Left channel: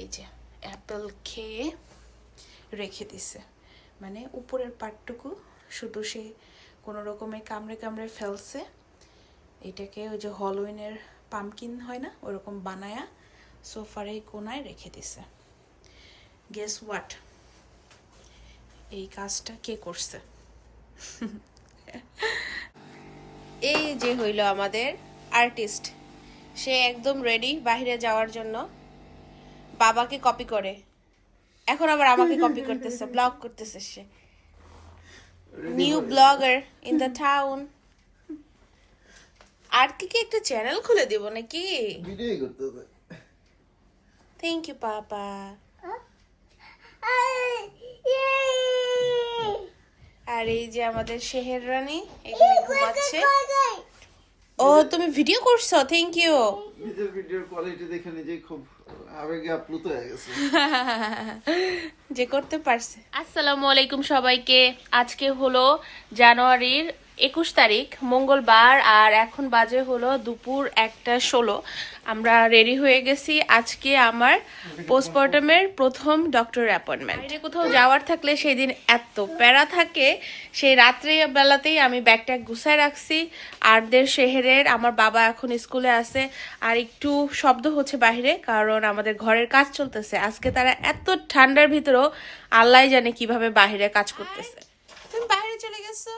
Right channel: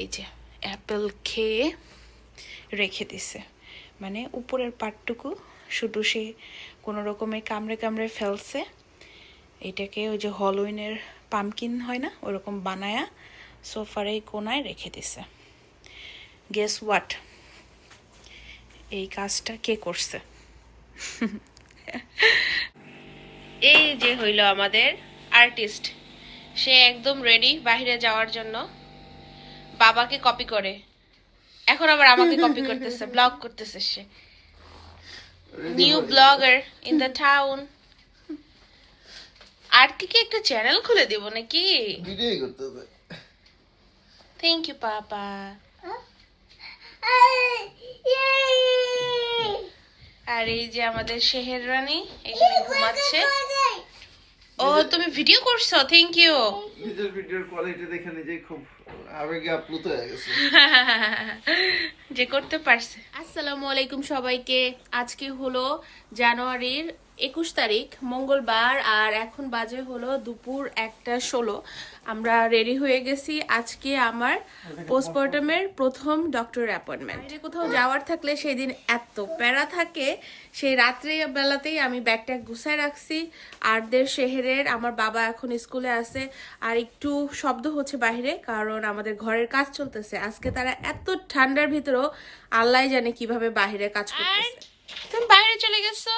এই যে অ্যাপেল খেয়ে রেখে দিছে। মানে উপরের পাটটুকু, শুধু সে কোনো রকমে কামড়ে কামড়ে ফেলছে। এটাকে ওই যে হলোইনের পামকিন হয় না, ওরকম বানায়া সোফার এই কোনায় রেখে দিছে। গেস হোয়াট এই কাজটা কে করছে? এই যে হইল আমাদের আর্টিস্ট সে একদম রেডি বাইরে যাওয়ার জন্য। বাবাকে কপি করে। এখন আবার আমাকে কপি করতেছে ব্লগ করতেছে সে। New blogger in the town আর কি কি একটা চ্যানেল খুলে দিব নাকি? ভিডিও করতে হবে। থ্যাংক ইউ পাপা আর এই যে আমাদের শেহের রানী এখানে ঘুমাচ্ছে। ও তুমি ভিডিও করছ থ্যাংক ইউ নিজের ভিডিওর কোয়ালিটি দেখে নিজেই খুব আবেগে আপ্লুত হয়ে গেছে। যে করতে পারছে। আসসালামু আলাইকুম সবাইকে। আজকে হলো জানুয়ারির একুশ তারিখ মঙ্গলবার আর এখন বাজে হলো দুপুর একটা ষোলো। আমরা রেডি হয়ে গেছি আজকে আমার পোস্টমর্টমের প্রথম ডক্টর অ্যাপয়েন্টমেন্ট বাইরে কোথাও যাওয়ার থাকলে সেই দিন এত প্যারা থাকে সেই রাত্রে বেলাতেই আমি ব্যাগটা গুছায় রাখছি। আরদের শেহেরের আমার বাবা এখন স্কুলে আছে আর একটু শব্দ হচ্ছে বাইরে কারণ আমাদের ঘরের কাজ চলতেছে। আজকে তারা এত ঠান্ডার ভিতরেও আল্লাহ জানে কীভাবে বাইরে কাজ করতেছে। তুমি বাইরে চলে গেছো?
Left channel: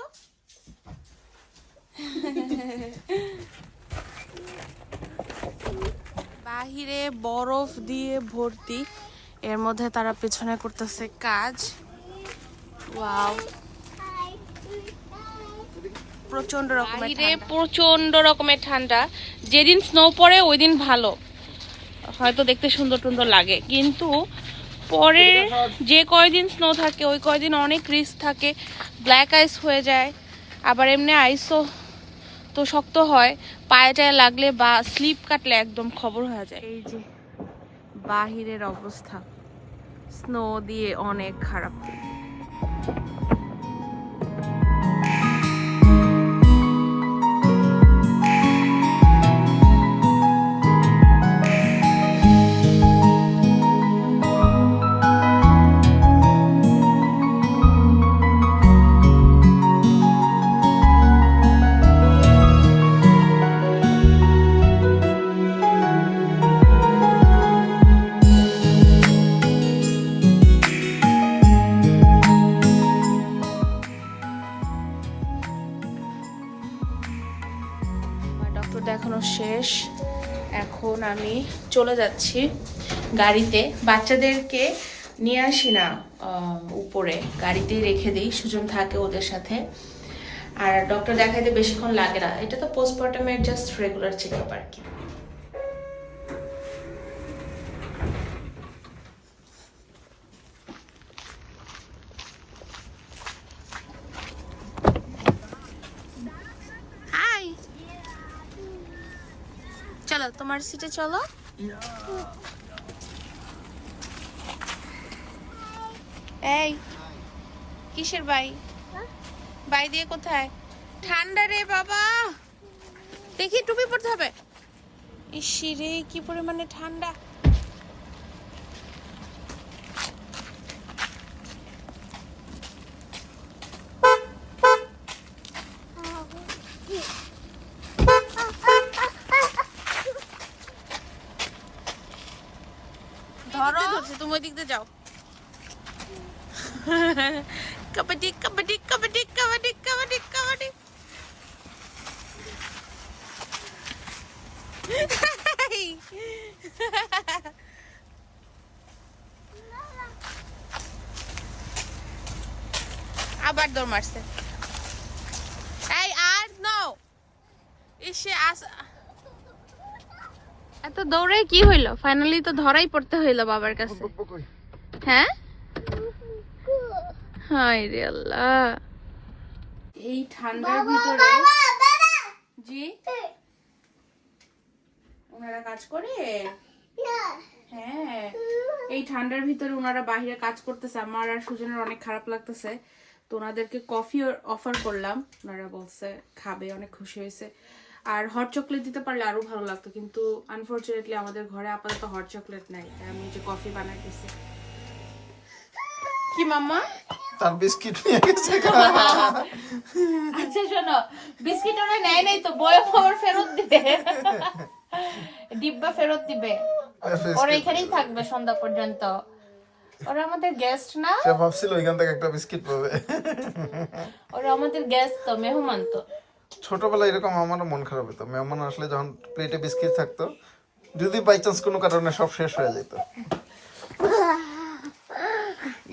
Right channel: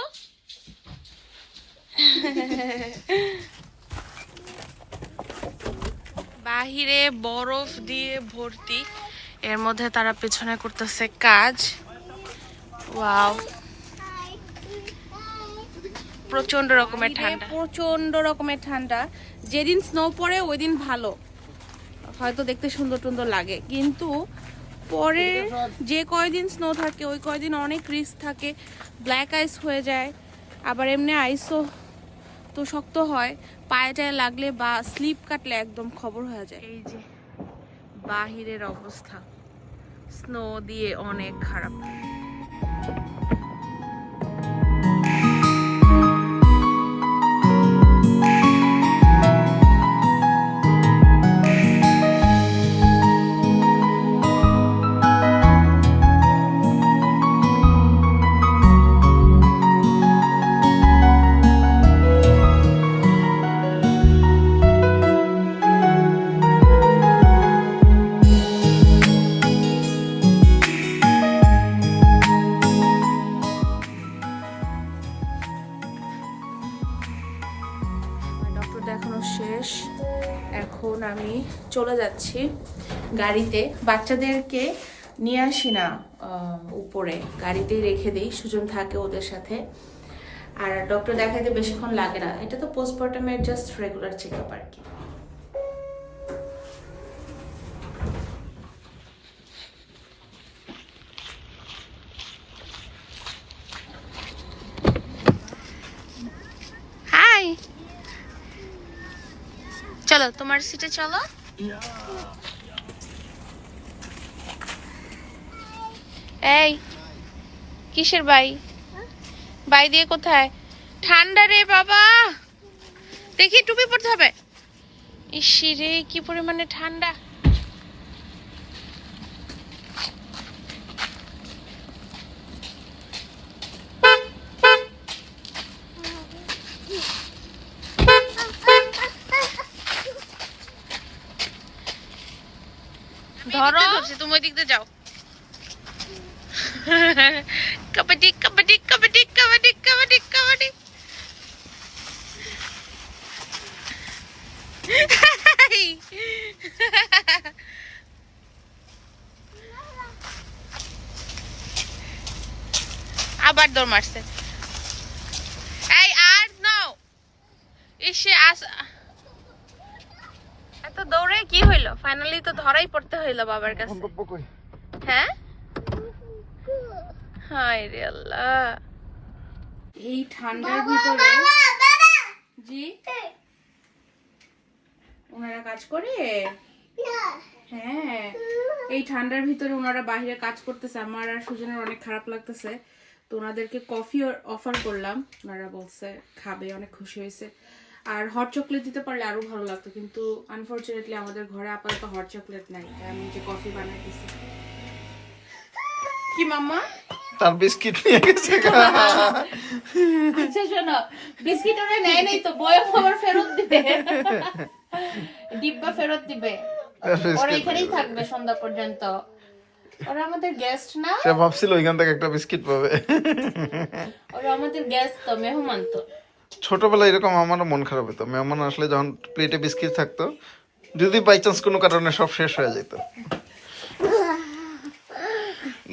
বাহিরে বরফ দিয়ে ভর্তি। এর মধ্যে তারা পেছনে করতেছে কাজ। ওয়াও। প্রচণ্ড রকমের ঠান্ডা। প্রচণ্ড রকমের ঠান্ডা। যেদিন স্নো পড়ে ওই দিন ভালো। হয়তো দেখতে সুন্দর টুন্দর লাগে। কিন্তু পরে যে কয়দিন স্নো থাকে ওই কয়দিন অনেক রিস্ক থাকে। ব্ল্যাক আইস হয়ে যায়। আবার এমনি আইসও তো শক্ত হয় পায়ে টায়ে লাগলে বা স্লিপ কাটলে একদম খবর হয়ে যায়। এই যে, বাহিরের অবস্থা। স্নো দিয়ে অনেক খারাপ। আমি চলে যাচ্ছি গাড়িতে। বাচ্চাদেরকে নিয়ে আসি না উপরে। গাড়িতেই রেখে দিই, সুজন থাকে ওদের সাথে। আর ডক্টর দেখাইতে বেশিক্ষণ লাগে না। এটা তো পোস্টমর্টমের জাস্ট রেগুলার চেক আপ আর কি। তোমার সিটে চলো। এই, কিসের বাই? বাই দিয়ে কোথায়? ঠান্ডা রে বাবা! দেখি টুপি পড়তে হবে। ইসি রে, কি পরিমাণে ঠান্ডা। ধরো তুমি ওই দিক দিয়ে যাও। কাবাডি কাবাডি কাবাডি আবার দৌড় মারছে। এই আর নাও। এসে আস দৌড়ে কি হইল? ফাইনালি তো ধরাই পড়তে হইল বাবার কাছে। হ্যাঁ? হায় রে আল্লাহ। এই ঠান্ডার ভিতরে জি? ওনারা কাজ করে? হ্যাঁ। এই ঠান্ডার ভিতরে ওনারা বাইরে কাজ করতেছে। আমার আর সুজনের অনেক খারাপ লাগতেছে। তো ওনাদেরকে কফি অফার করলাম। ওনারা বলছে খাবে। অনেক খুশি হয়েছে। আর হট চকলেট দিতে পারলে আরও ভালো লাগতো কিন্তু আনফরচুনেটলি আমাদের ঘরে আপাতত হট চকলেট নাই তাই আমি যে কফি বানাই দিছি কি মাম্মা? তার বিস্কিট নিয়ে গেছে আচ্ছা শোনো বিস্কিট ওরা নেয় নাই তো বয়স আবার ফেরত দিবে। ডিব্বা ফেরত দিবে। ওরা এখানেই থাকবে সন্ধ্যা পর্যন্ত। ওরা আমাদের গেস্ট না? সে ভাবছিল ওইখান থেকে একটা বিস্কিট পাবে। ওরা আমাদের গেস্ট তো মেহমান তো। ছোটবেলায় এরকম আমারও মন খারাপ হতো। মেহমান আসলে যখন প্লেটে বিস্কিট থাকতো যদি বাই চান্স কোনো কারণে সব শেষ হয়ে যেত।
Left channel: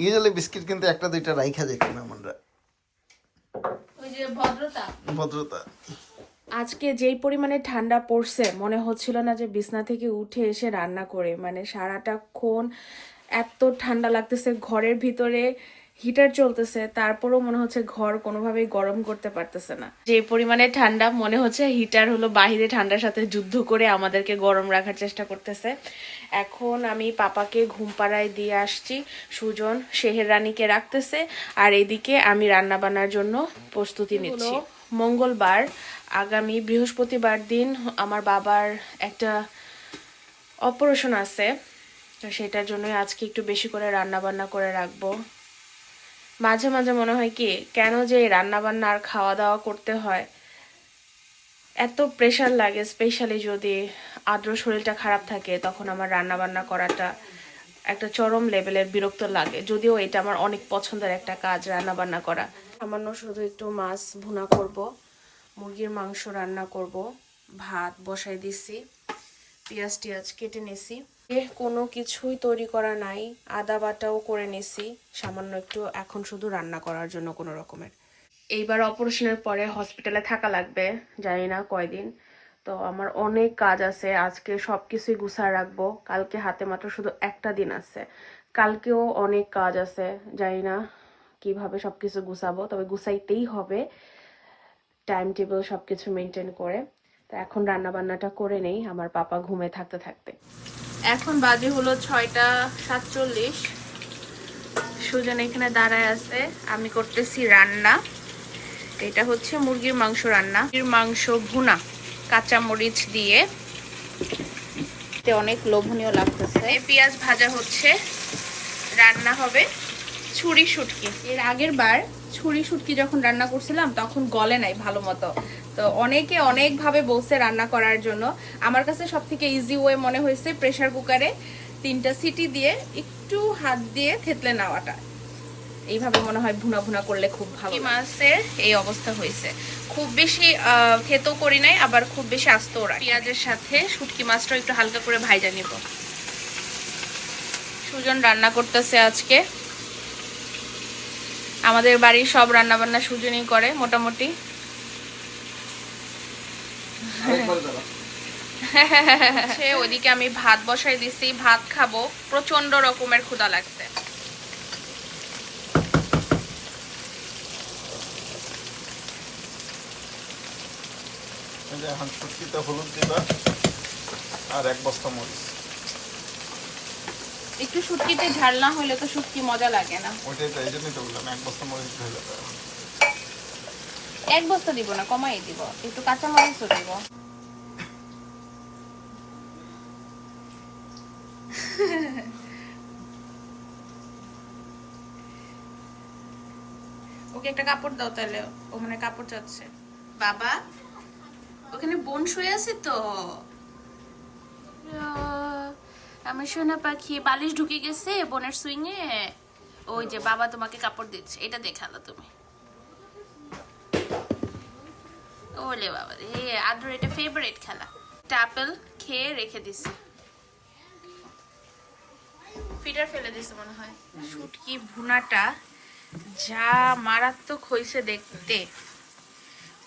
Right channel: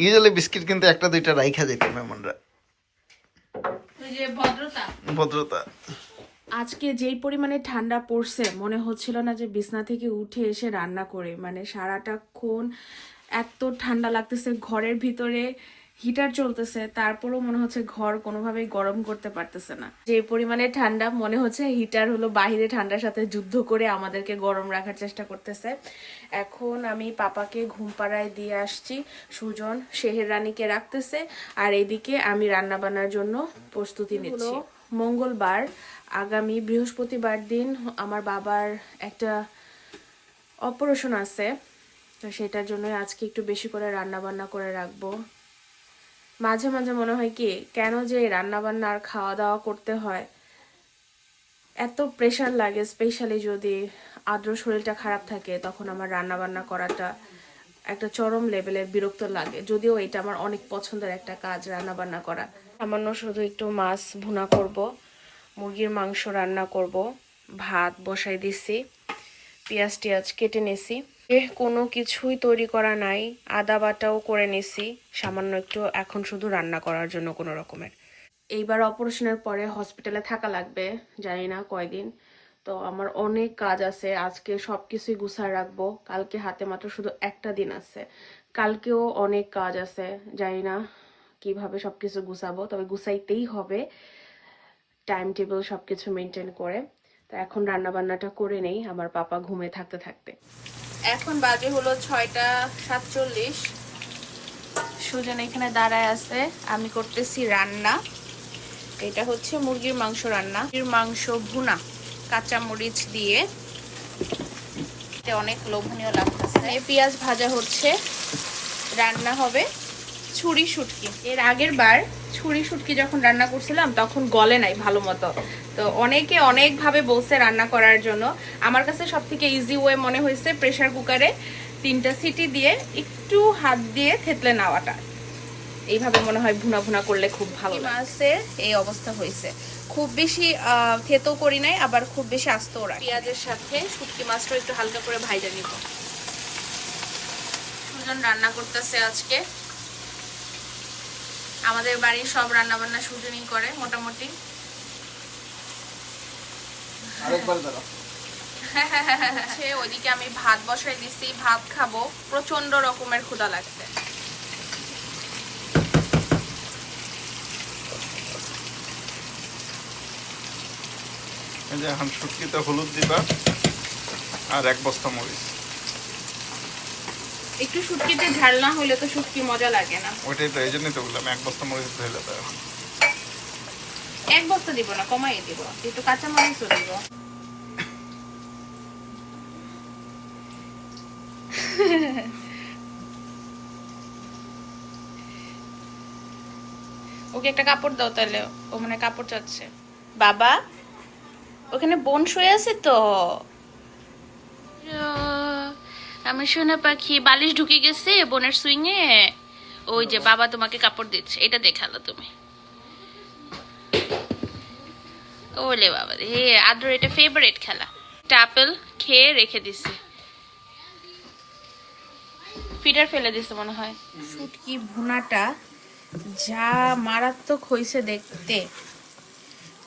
ইউজুয়ালি বিস্কিট কিন্তু একটা দুইটা রাইখা যেত মেহমানরা। ভদ্রতা। ভদ্রতা। আজকে যেই পরিমাণে ঠান্ডা পড়ছে মনে হচ্ছিল না যে বিছনা থেকে উঠে এসে রান্না করে। মানে সারাটাক্ষণ এত ঠান্ডা লাগতেছে ঘরের ভিতরে হিটার চলতেছে তারপরও মনে হচ্ছে ঘর কোনোভাবেই গরম করতে পারতেছে না। যে পরিমাণে ঠান্ডা মনে হচ্ছে হিটার হলো বাহিরে ঠান্ডার সাথে যুদ্ধ করে আমাদেরকে গরম রাখার চেষ্টা করতেছে। এখন আমি পাপাকে ঘুম পাড়ায় দিয়ে আসছি সুজন শেহের রানীকে রাখতেছে আর এদিকে আমি রান্না বান্নার জন্য প্রস্তুতি নিচ্ছি। মঙ্গলবার আগামী বৃহস্পতিবার দিন আমার বাবার একটা অপারেশন আছে তো সেটার জন্যই আজকে একটু বেশি করে রান্না বান্না করে রাখব। মাঝে মাঝে মনে হয় কি, কেন যে এই রান্না বান্না আর খাওয়া দাওয়া করতে হয়? এত প্রেশার লাগে স্পেশালি যদি আদ্র শরীরটা খারাপ থাকে, তখন আমার রান্না বান্না করাটা একটা চরম লেভেলের বিরক্ত লাগে। যদিও এটা আমার অনেক পছন্দের একটা কাজ রান্না বান্না করা। সামান্য শুধু একটু মাছ ভুনা করব, মুরগির মাংস রান্না করব, ভাত বসাই দিছি পেঁয়াজ টিয়াজ কেটে নিছি। কোনো কিছুই তৈরি করা নাই। আদা বাটাও করে নিছি। সামান্য একটু, এখন শুধু রান্না করার জন্য কোনো রকমের। এইবার অপারেশনের পরে হসপিটালে থাকা লাগবে, জানি না কয়দিন। তো আমার অনেক কাজ আছে, আজকে সব কিছুই গুছায় রাখব। কালকে হাতে মাত্র শুধু একটা দিন আছে। কালকেও অনেক কাজ আছে, জানি না কীভাবে সবকিছু গুছাবো, তবে গুছাইতেই হবে। টাইম টেবিল সবকিছু মেনটেন করে। তো এখন রান্নাবান্নাটা করে নেই, আমার পাপা ঘুমে থাকতে থাকতে। এখন বাজে হলো ছয়টা সাতচল্লিশ। সুজন এখানে দাঁড়ায় আছে। আমি করতেছি রান্না। এটা হচ্ছে মুরগির মাংস রান্না। মুরগির মাংস ভুনা কাঁচা মরিচ দিয়ে অনেক লোভনীয় লাগতেছে এই পেঁয়াজ ভাজা হচ্ছে। রান্না হবে ছুরি শুটকি। এর আগের বার ছুরি শুটকি যখন রান্না করছিলাম, তখন গলে নাই ভালো মতো। তো অনেকে অনেকভাবে বলছে রান্না করার জন্য। আমার কাছে সব থেকে ইজি ওয়ে মনে হয়েছে প্রেসার কুকারে তিনটা সিটি দিয়ে একটু হাত দিয়ে থেতলে নেওয়াটা। এইভাবে মনে হয় ভুনা ভুনা করলে খুব ভালো মাছের এই অবস্থা হয়েছে। খুব বেশি থেতো করি নাই আবার খুব বেশি আস্তও রাখি পেঁয়াজের সাথে শুটকি মাছটা একটু হালকা করে ভাইজা নিব। সুজন রান্না করতেছে আজকে। আমাদের বাড়ির সব রান্না বান্না সুজনই করে মোটামুটি। দাঁড়া আমি ভাত বসাই দিছি ভাত খাব। প্রচণ্ড রকমের ক্ষুধা লাগছে। এখন শুটকিতে হলুদ দিবা আর এক বস্তা মরিচ। একটু শুটকিতে ঝাল না হলে তো শুটকি মজা লাগে না। ওইটাই তো এই জন্যই তো বললাম এক বস্তা মরিচ যাবে এখন। এক বস্তা দিব না কমাই দিব। একটু কাঁচা মরিচও দিব। ওকে একটা কাপড় দাও তাহলে ও মানে কাপড় চাচ্ছে। বাবা ওখানে বোন শুয়ে আছে তো? আমি সোনা পাখি বালিশ ঢুকে গেছে বোনের সুইংয়ে। ওই যে বাবা তোমাকে কাপড় দিচ্ছে এটা দেখাল তুমি। ওলে বাবা রে হে আদ্র এটা ফেভারিট খেলা। একটা আপেল খেয়ে রেখে দিছে। ফিডার ফেলে দিছে মনে হয়। শুটকি ভুনাটা যা মারাত্মক হয়েছে দেখতে।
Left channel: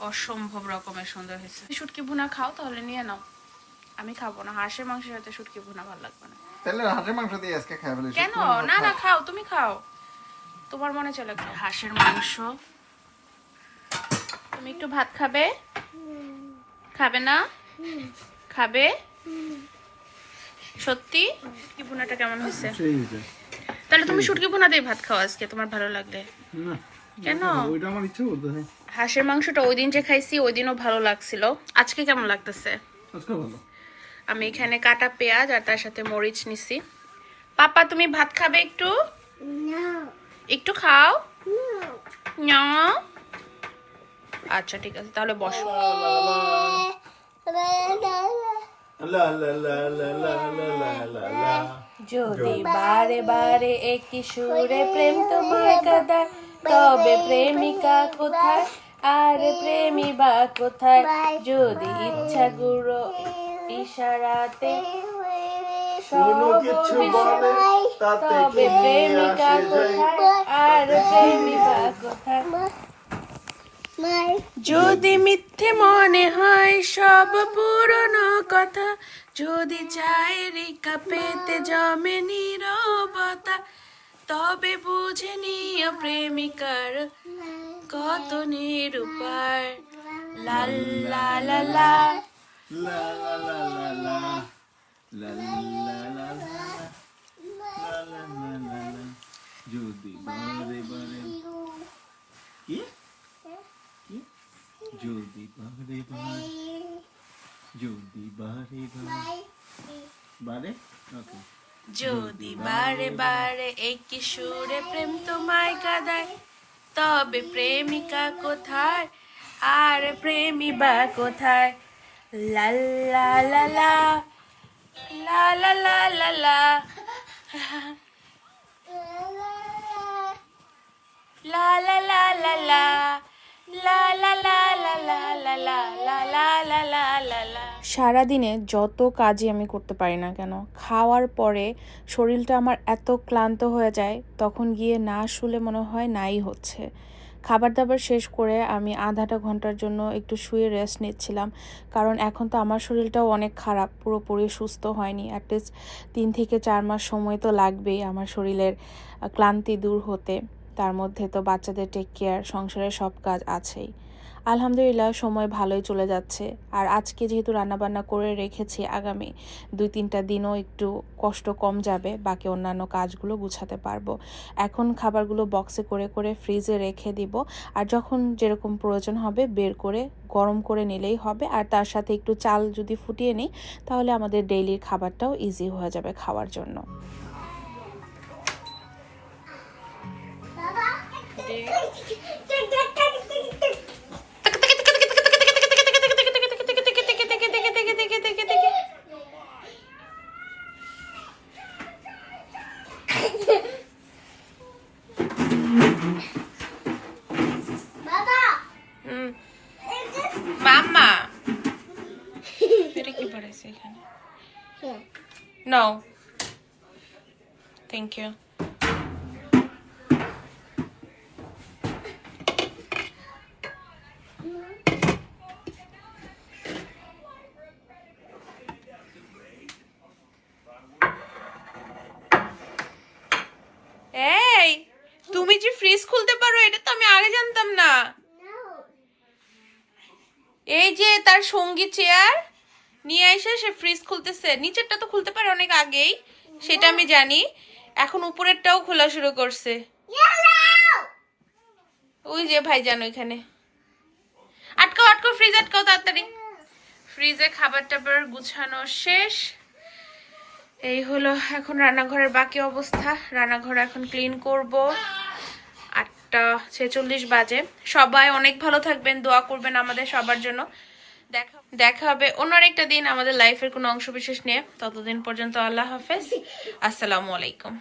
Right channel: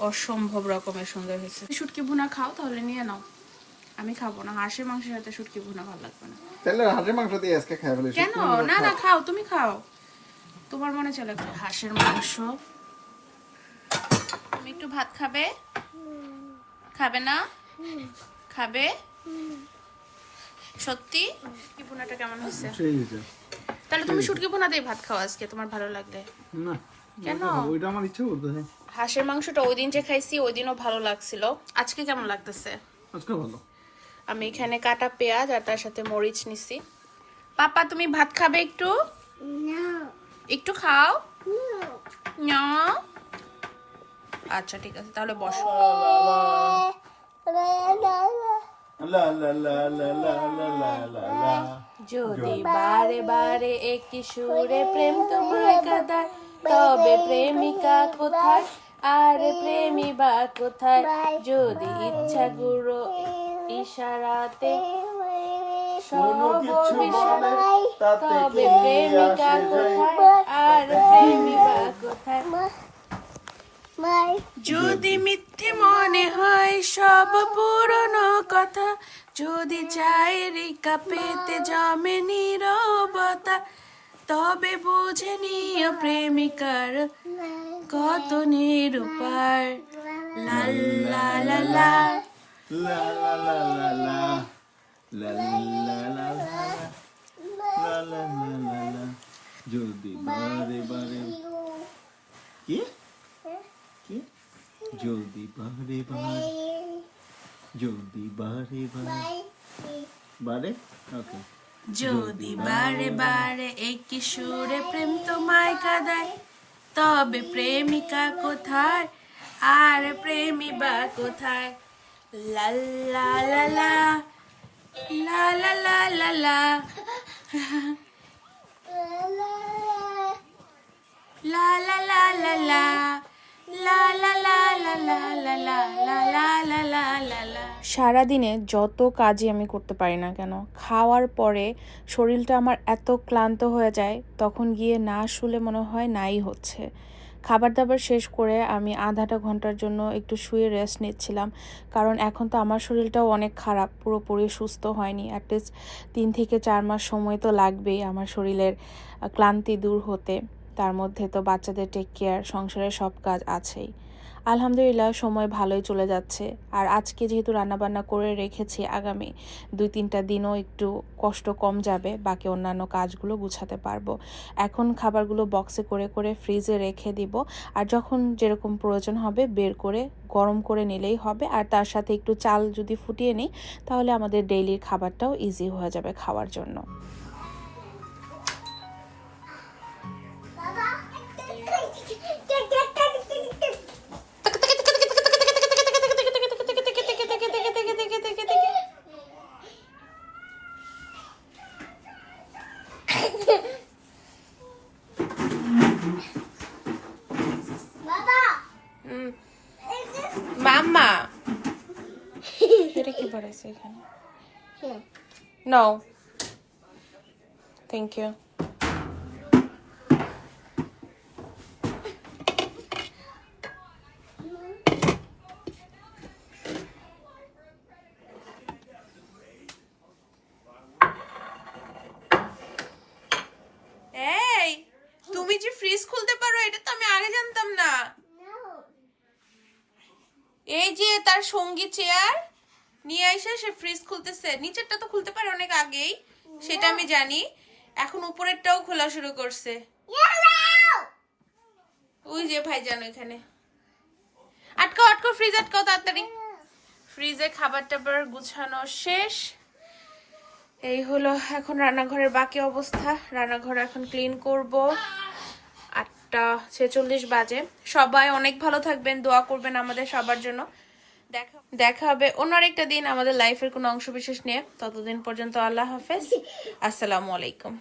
অসম্ভব রকমের সুন্দর হয়েছে। শুটকি ভুনা খাও তাহলে নিয়ে নাও। আমি খাব না হাঁসের মাংসের সাথে শুটকি ভুনা ভালো লাগবে না। তাহলে হাটের মাংস দিয়ে আজকে খাই ফেলি কেন? না না খাও। তুমি খাও। তোমার মনে চলে হাঁসের মাংস। তুমি একটু ভাত খাবে? খাবে না? খাবে? সত্যি? কি ভুনাটা কেমন হয়েছে। তাহলে তুমি শুটকি ভুনা দিয়ে ভাত খাও আজকে তোমার ভালো লাগলে না কেন ওইটা আমার ইচ্ছে করতে হাঁসের মাংসটা ওই দিন যে খাইছি ওই দিনও ভালো লাগছিল আজকে কেমন লাগতেছে আজকে ভালো আমি এখানে কাটা পেঁয়াজ আর তার সাথে মরিচ নিছি পাপা তুমি ভাত খাবে একটু একটু খাও না আচ্ছা ঠিক আছে তাহলে বসো লা লা লা লা লা লা লা লা যদি বারে বারে একই সুরে প্রেম তোমায় কাদায় তবে প্রেমিকা কোথায়? আর প্রেমী বা কোথায়? যদি ইচ্ছা গুরু ইশারাতে তবে প্রেমিকা কোথায়? আর প্রেমী বা কোথায়? যদি মিথ্যে মনে হয় সব পুরনো কথা যদি চায়ের কাপেতে জমে নীরবতা তবে বুঝে নিও প্রেমিকার কত নিরূপার। লা লা লা। লা লা লা লা লা। লা লা লা লা লা লা লা লা লা যদি বারে বারে কি কি যদি বারে বারে যদি বারে বারে বারে ওকে যদি বারে বারে একই সুরে প্রেম তোমায় কাদায় তবে প্রেমিকা কোথায় আর প্রেমী বা কোথায় লা লা লা লা লা লা লা লা লা লা লা লা লা লা সারাদিনে যত কাজই আমি করতে পারি না কেন খাওয়ার পরে শরীরটা আমার এত ক্লান্ত হয়ে যায় তখন গিয়ে না শুলে মনে হয় নাই হচ্ছে খাবার দাবার শেষ করে আমি আধাটা ঘণ্টার জন্য একটু শুয়ে রেস্ট নিচ্ছিলাম কারণ এখন তো আমার শরীরটাও অনেক খারাপ পুরোপুরি সুস্থ হয়নি অ্যাটলিস্ট তিন থেকে চার মাস সময় তো লাগবেই আমার শরীরের ক্লান্তি দূর হতে তার মধ্যে তো বাচ্চাদের টেক কেয়ার সংসারের সব কাজ আছেই। আলহামদুলিল্লাহ, সময় ভালোই চলে যাচ্ছে। আর আজকে যেহেতু রান্নাবান্না করে রেখেছি আগামী দুই তিনটা দিনও একটু কষ্ট কম যাবে, বাকি অন্যান্য কাজগুলো গুছাতে পারব। এখন খাবারগুলো বক্সে করে করে ফ্রিজে রেখে দিব। আর যখন যেরকম প্রয়োজন হবে বের করে, গরম করে নিলেই হবে। আর তার সাথে একটু চাল যদি ফুটিয়ে নিই, তাহলে আমাদের ডেইলির খাবারটাও ইজি হয়ে যাবে খাওয়ার জন্য। পড়েছে এখানে। নো থ্যাংক ইউ এই তুমি যে ফ্রিজ খুলতে পারো এটা তো আমি আগে জানতাম না। এই যে তার সঙ্গী চেয়ার নিয়ে এসে সে ফ্রিজ খুলতেছে। নিচেরটা তো খুলতে পারে অনেক আগেই সেটা আমি জানি। এখন উপরেরটাও খোলা শুরু করছে। ওই যে ভাই জানো এখানে আটকাও আটকাও ফ্রিজ আটকাও তাড়াতাড়ি। ফ্রিজে খাবার টাবার গুছানো শেষ। এই হলো এখন রান্নাঘরের বাকি অবস্থা। রান্নাঘর এখন ক্লিন করব। আটটা ছেচল্লিশ বাজে। সবাই অনেক ভালো থাকবেন দোয়া করবেন আমাদের সবার জন্য। দেখা হবে। অন্য আরেকটা দিন আমাদের লাইফের কোনো অংশ বিশেষ নিয়ে। ততদিন পর্যন্ত আল্লাহ হাফেজ। আসসালামু আলাইকুম।